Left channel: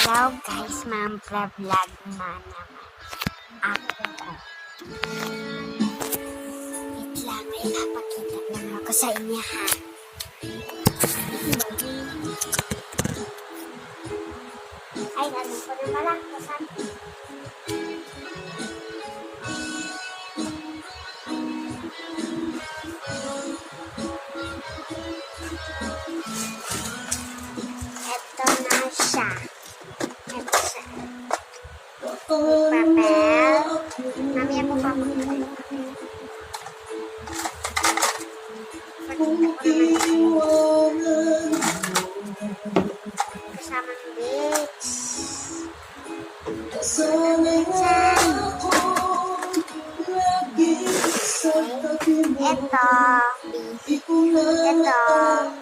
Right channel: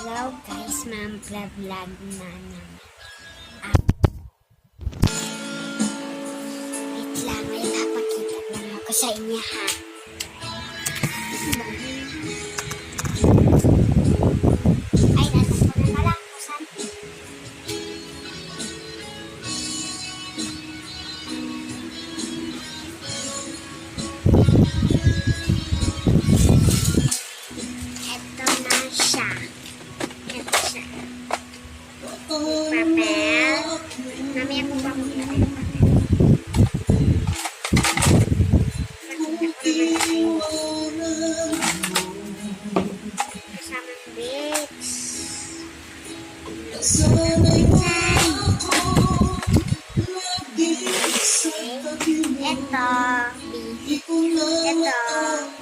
Hello guys, mag-vlog na naman ako. Wait lang, may papakita lang ako sa inyo ha. Ay, nandun ko na pala. Saan? Ito na siya. Ito siya. Papel. Mamaya ko pa makita yung papel. Kasamang bits. Ito. Ito.